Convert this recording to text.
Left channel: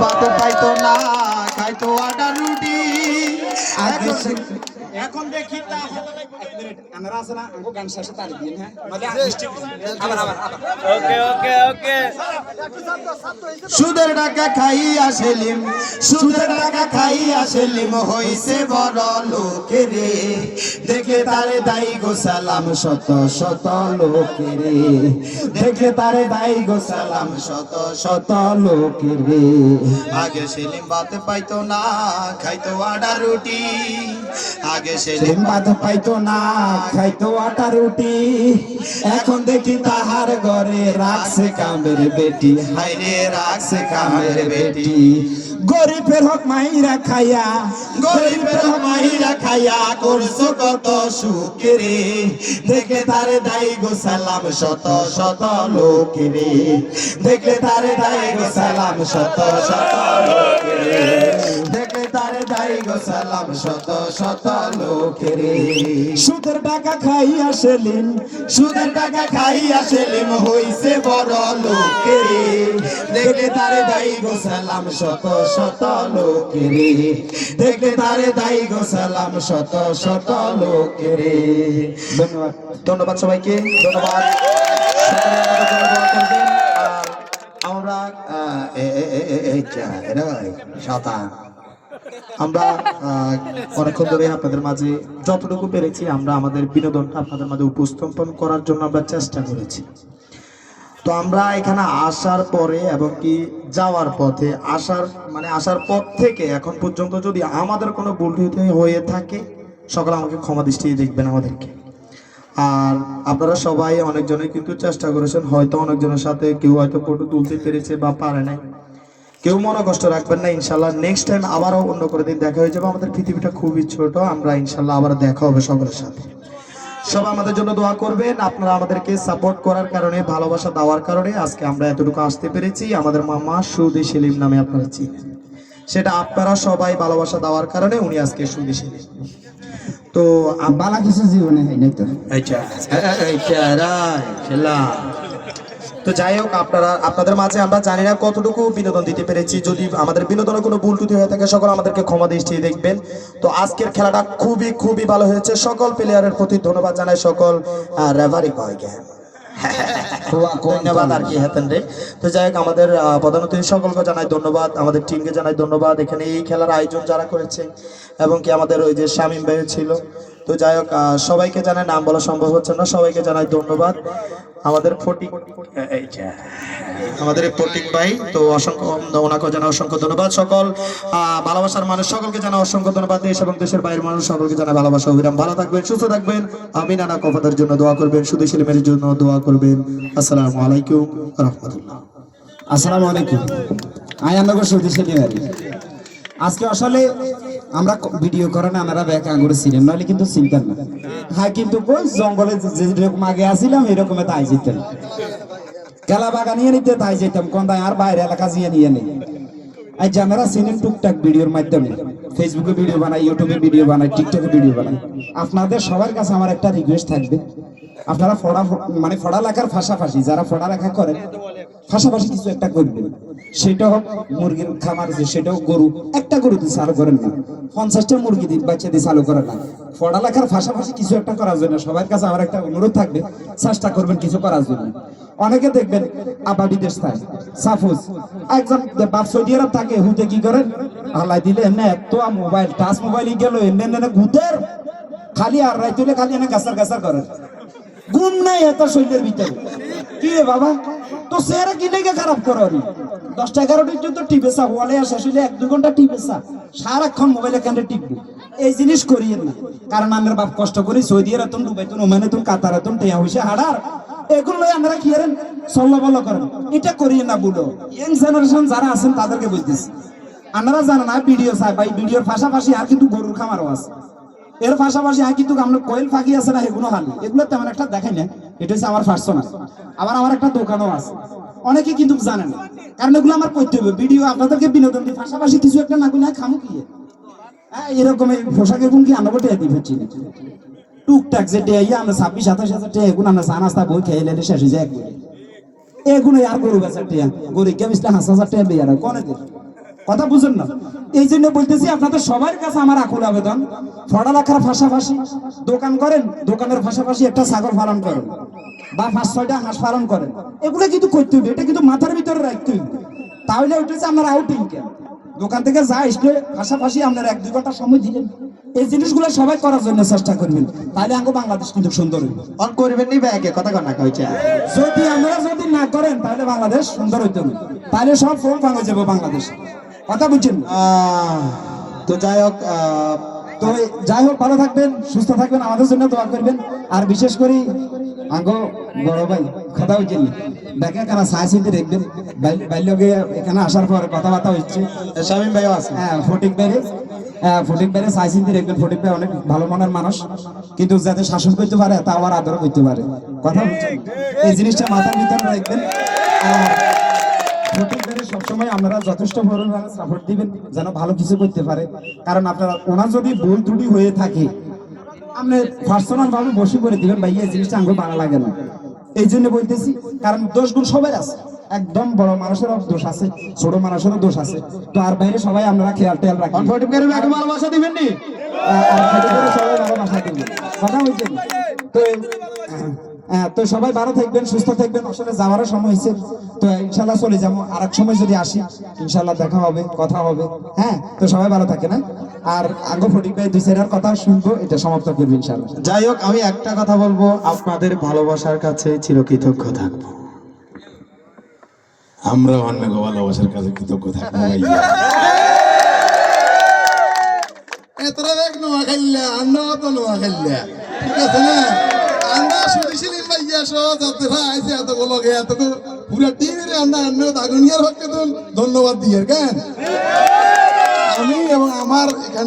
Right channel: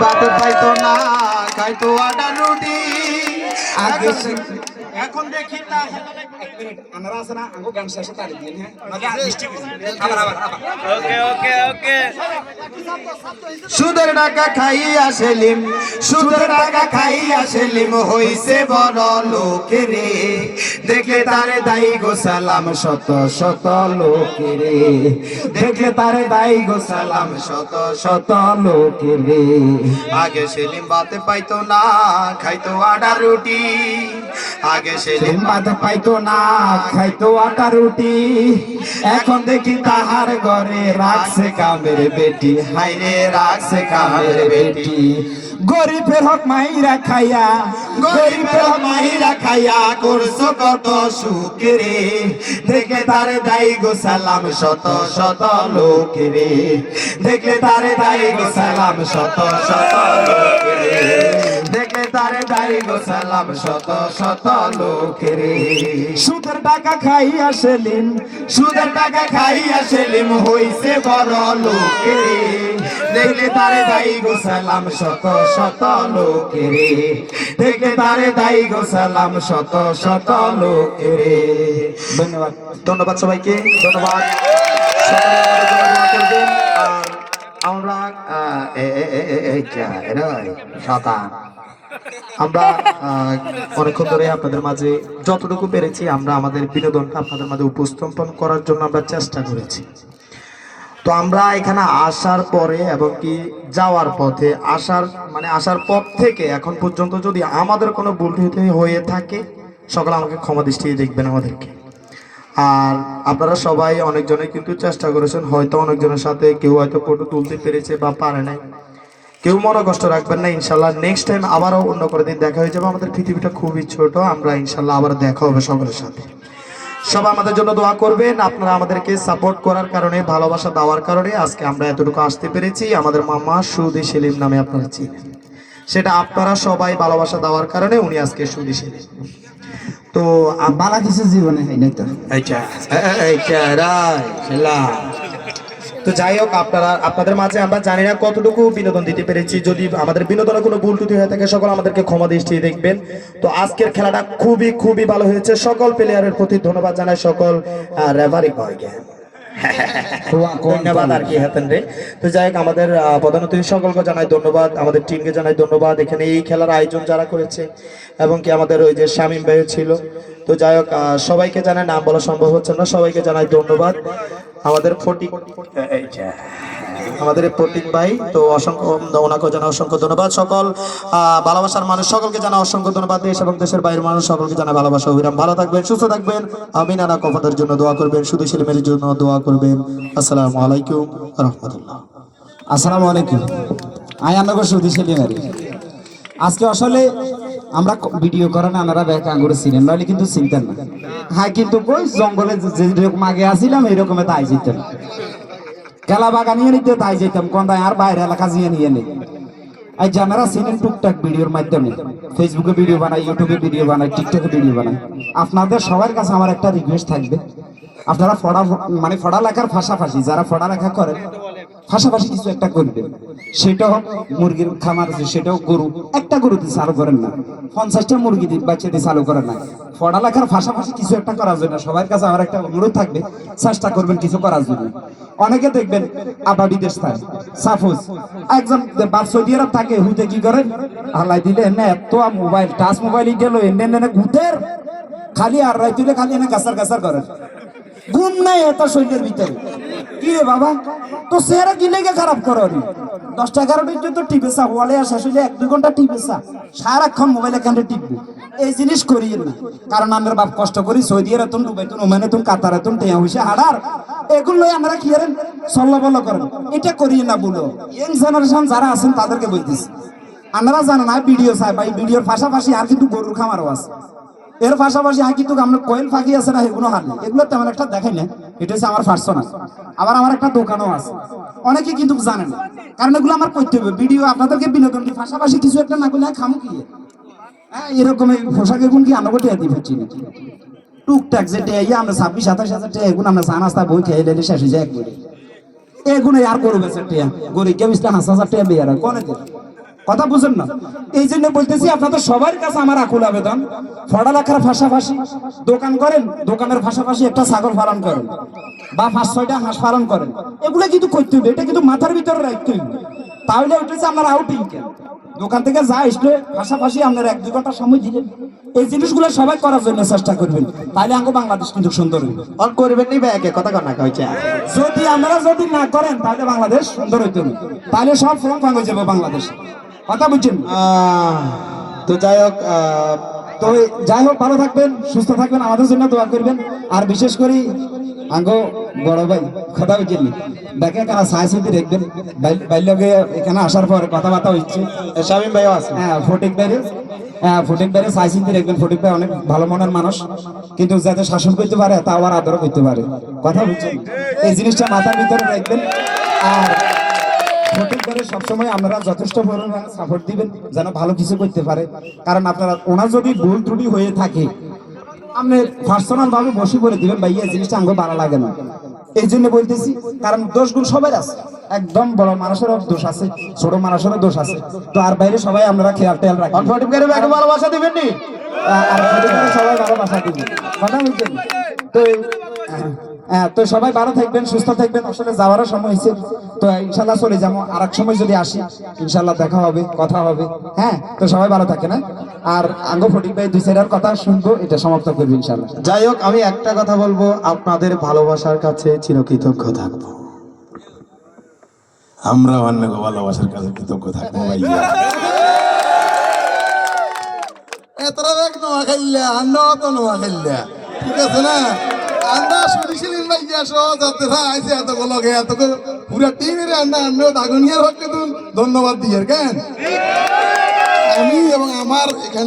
ভাত পাইতো না, খাইতো আটা রুটি। এখন দেখি আমরা আছে না আমগো গান শেষে তালি দিন হ্যাঁ মানে মিষ্টি আবার ওকে ওকে ওকে সুদের টাকা খাইয়া সেলিম, সুদের টাকা খাইয়া সেলিম হইছে বড় লোকেরে। দেখলে তারে দাই গো সালাম শত শত লোকেরে, দেখলে তারে দাই গো সালাম শত শত লোকেরে। আগে সেলিম ভাত পাইতো না, খাইতো আটা রুটি। আগে সেলিম ভাত পাইতো না, খাইতো আটা রুটি। এখন দেখি তাহার ঘরে রাখছে কামের বেটি, হাইরে রাখছে কামের বেটি। গরিবের হক মাইরা খাইয়া, গরিবের হক মাইরা খাইয়া করছো কত সুখেরে। দেখে তারে দাই গো সালাম শত শত লোকেরে, দেখে তারে দাই গো সালাম শত শত লোকেরে, দেখে তারে দাই গো সালাম শত শত লোকেরে। সুদের টাকা খাইয়া সেলিম, সুদের টাকা খাইয়া সেলিম হইছে বড় লোকেরে। দেখলে তারে দাই গো সালাম শত শত লোকেরে, দেখলে তারে দাই গো সালাম শত শত লোকেরে। ধন্যবাদ, ধন্যবাদ সবাইকে, ধন্যবাদ। সকলে আমাদের জন্য দোয়া করবেন। আর আমরা আমরা অনেকক্ষণ ধরে আপনাদের মাঝে যতটুকু পেরেছি আমরা আমাদের বিনোদনটা আপনাদের মাঝে উপস্থাপন করার জন্য আমরা চেষ্টা করেছি। তো আমরা এখানে আসার পরে এবং কি যাওয়ার পথে আসার পথ থেকে এখন পর্যন্ত যদি আমাদের কোনো ভুল হয়ে থাকে সকলে আমাকে ক্ষমা দৃষ্টিতে দেখবেন আমাদেরকে। আর আপনারা সবাই অনেকজনে কিন্তু চেষ্টা করেছেন, হয়তো অনেকজনের সাথে কেউ হয়তো ফটো তুলতে পেরেছে বা পারে নাই, কেউ মনে কষ্ট রাখবেন না। ইনশাল্লাহ নেক্সট টাইম আবারও অন্য করে দিন দেখা হয়ে যাবে। আমাদের পৃথিবীটা খুবই ছোট, আমরা ইনশাল্লাহ আবার দেখা হবে সকলের সাথে। সবাই আমাদের জন্য দোয়া করবেন। আপনারা আমাদেরকে সাপোর্ট করার কারণে, ভালোবাসা দেওয়ার কারণে আজকে আমরা এতটুকু আসতে পেরেছি। আমাদের মামা সুদি সেলিম নামে আপনারা চিনেন, সেটা আপনারা সবাই ভালোবাসা দেওয়ার কারণে উনি আজকে সুদি সেলিম। তো বালা কিছু জীবনে হয় নাই তো। তো যাই হোক, আপনাদের মাঝে আমরা জানি না কতটুকু বিনোদন দিতে পেরেছি। যদি আমাদের বিনোদনে কোনো ভুল ত্রুটি হয়ে থাকে সকল আমাদেরকে ক্ষমা দৃষ্টি দেখবেন। তো আজকের খেলাটা খুবই খুবই ভালো হয়েছে। সকল প্লেয়ারের প্রতি ধন্যবাদ জানাই, সকল রেফারি বয়কে ধন্যবাদ আর কি হাতেন রে। তো যাই হোক, আমাদের প্রধান অতিথি সকলকে জানাই ধন্যবাদ, আমাদের টিমকে জানাই ধন্যবাদ, এখানে এই খেলার আয়োজন যারা করেছে এবং কি আমাদের ওই যে শামীম ভাই ছিল। তো যাই হোক, সবাইকে জানাই, নাম বলা সম্ভব হচ্ছে না, সবাইকে জানাই ধন্যবাদ। আমাদের প্রতীক ভাই, তো অসংখ্য ওনাকে জানা অসংখ্য ধন্যবাদ। সকল ভালোবাসার মানুষ সকলকে জানা অসংখ্য ধন্যবাদ। দেশ এবং দেশের বাইরের মানুষ সকলকে জানা ভালোবাসা অবিরাম। ভালো থাকবেন, সুস্থ থাকবেন। আমিন। আনা কফাদের জন্য দোয়া করবেন, সুদী সেলিমের জন্য দোয়া করবেন। আসসালামু আলাইকুম রহমতুল্লাহ। আসসালামু আলাইকুম। আই আমাকে সুদি সেলিমের আজকে আসলে আমরা ভিডিও করে না আমরা ব্যাক আঙুরে ছিলেন, নইলে কিন্তু চিনতেন না। হ্যাঁ, কিন্তু ওই জঙ্গলে যেরকম আগে আসছিলাম এইরকম তাই যেতাম, খেলা বাগা নিয়ে নিতে তাই যেতাম, কোন আর বাইরে এলাকা জিয়ে নিয়ে নেই। আর যে আমরা চিনেন টুকটাক ভিডিওর মাধ্যমে, ফেসবুকে ভিডিও বানাই, ইউটিউবে ভিডিও বানাই, টিকটকে ভিডিও বানাই। আপনাদের সবার কাছে আমার একটা রিকোয়েস্ট থাকবে, আপনারা পড়ালেখার পাশাপাশি যারা পড়ালেখা করেন পাশাপাশি কিছু একটা করবেন। সেটা হোক মুরগির খামার, সেটাও গরু, একটা গরুতে চালু করেন না, 50টা মুরগি বাচ্চা দিয়ে চালু করেন না। পড়ালেখার পাশাপাশি কিছু একটা করার জন্য সবার কাছে আমার একটা অনুরোধ থাকবে, চেষ্টা করবেন কিছু করার জন্য। অনেকে দেখবেন আবাদি দেশ থাকে, সাপোজ একজন সৌদি আরব থাকে, হুতে কি করেন আল্লাহ দিলে এনে এত মোবাইল, টাচ মোবাইল গেল এনে ঘুতের খালি আর রাইতুলে খালি এনে গাছার গাছার করেন, গুণ নাই এত শরীরের ভিতরে। কি রে বাবা, তো সেরা কি লেগে খারাপ করে 10টা 11টা তো টিপেসা ওয়ালে আসা আসলে 1-2 ঘন্টা টিপেসা, সারাক্ষণ মোবাইলে কেন্দ্রে টিপবে। এই জিনিস করিয়েন না, কারণ আমরা বাপ কষ্ট করি সৌদি আরব, দুবাই, ওমানে, কাতারে, টেয়া হইছে হাড়ার, এগুলো আমরা কি করেন চল্লাবল করেন, এটা করিয়ে না। বলো ইয়ং জেনারেশন যারা আছেন তাদেরকে বলতেছি, আপনারা জানেন না ভিডিও চাই ভাই, ভিডিওর পাশাপাশি আর কিন্তু গরুর খামারও আছে, এর পাশাপাশি আর কিন্তু আমরা কয়েল ফাঁকি আছে না, এগুলো হান এগুলো তেমন একটা দেখাই না। এটা হচ্ছে আমার পার্সোনাল। আবার আমার একটা দোকানও আছে, অনেকে কিন্তু জানেন না, কারণ এগুলো আমার করতে হবে। ভিডিও আপনাদেরকে বিনোদনের পাশাপাশি কিছু একটা না করলে খামু কি এরকম এই পোশাকের গুণ কি আমরা টেয়া দিই হচ্ছি না, টুকটাক যে টেয়া আমরা 26-27 হাজার টাকা এগুলো আমরা চা নাস্তা বই খেয়ে এলে শেষ হয়ে যায় একদিন। এগুলো আর করবে টেয়া গরিব কে 5,000 টাকা বেয়ার কনে কথা বুঝেন না, এই জন্য বলতেছি আপনাদের সবার কাছে আমার আকুল আবেদন, পড়ালেখার পাশাপাশি দোকান করেন, দোকানের পাশাপাশি একটা ছাগল পালন করেন বা 5-6টা হাঁস পালন করেন, এগুলো কিন্তু করতে হবে, এটা কিন্তু মাথার ভিতরে রাখতে হবে। তাহলে উঠেছে আপনার আউটিং কেন, দোকান থেকে যা আসলে পাশাপাশি আপনার 1-2 ঘন্টা সময় দিলেন, এই জিনিসগুলো সবাই করার জন্য চেষ্টা করবেন, তাহলে আমাকে বাংলাদেশ কিন্তু সুন্দর হবে। অন করবেন নি ব্যাগে কথা কনা কইছে। যদি আমরা যদি না করেন তাহলে বাংলাদেশ সুন্দর হইতে হবে, তাহলে সব ফর্ম ভাঙে যাবে বাংলাদেশ। কথা বুঝছেন? তো যাই হোক, তো যাই হোক, ভালো থাকবেন, সুস্থ থাকবেন, আমাদের জন্য দোয়া করবেন। আর বিশেষ করে আগো বড় ভাই কথা হইছেন দেখে কারা সাইসিতে দেখবেন, বাইলগে এখানে আসার পরে কথাবার্তা হচ্ছে, শামীম ভাইও আছে। হ্যাঁ ফটিক বাইরে সাইসিতে দেখবেন, ফটিক ভাই অনেক ভালো মনের মানুষ, কিন্তু যাতে শাসন করতে পারে তা আবার আদর করতে পারে। কথা বুঝছেন? এই জিনিসটা মাথার ভিতরে রাখবেন। আর ফটিক ভাইয়ের সবসময় আপনারা যথেষ্ট পরিমাণে সাপোর্ট দিবেন যেন ভালো কিছু করতে পারে, কারণ আপনারা ওনার যদি ভুল ত্রুটি হয়ে থাকে আপনি পার্সোনাল ভাবে বসে করে দিবেন, ভাই এই জিনিসটা আমাকে ভালো লাগে না, এই জন্য বলতেছি। কারণ দোষগুলো সবাই আছে, একদম বড় মানুষেরও দোষ আছে, ছোট মানুষেরও দোষ আছে, তো আর বাইরে সবাই আমরা খেয়াল রাখবেন। ফটিক ভাইয়ের ব্যাগে ভালোবাসা দিবেন নি? আর ফটিক ভাইয়ের সবাই ভালোবাসা দিবেন। কথা বুঝছেন? তো সবাই ভালো থাকবেন, সুস্থ থাকবেন। আসলে যাওয়ারও সময় হয়েছে, তো ইনশাল্লাহ চলে যাবো, আর এক সময় যদি আসি ইনশাল্লাহ দেখা হবে, কথা হবে। হ্যাঁ, তো সবাই ভালো থাকে না, আর আঙ্গ ফটিক ভাই 2-4 কথা শুনবো, এটা সমাপ্ত করবো ইনশাল্লাহ। যাই হোক, আমি একটা কথা বলবো, আপনাদের ভালোবাসার কাছে চিরকৃতজ্ঞ থাকবো। আমরা অন্য ভালোবাসার কাছে কৃতজ্ঞ থাকবো ভাইয়া। এতটা দেখ নোয়া খেললে আমরা তো নোয়া খেললে, ঠিক আছে না? আমরা শুনেছিলেন ভাইয়া সহ যাতে আইসে এত লগে এত পুরা টিমের আমরা দাগুনিয়ার হককে তো ধন্যবাদ দিয়ে কেন আমি এবং আমার এখানে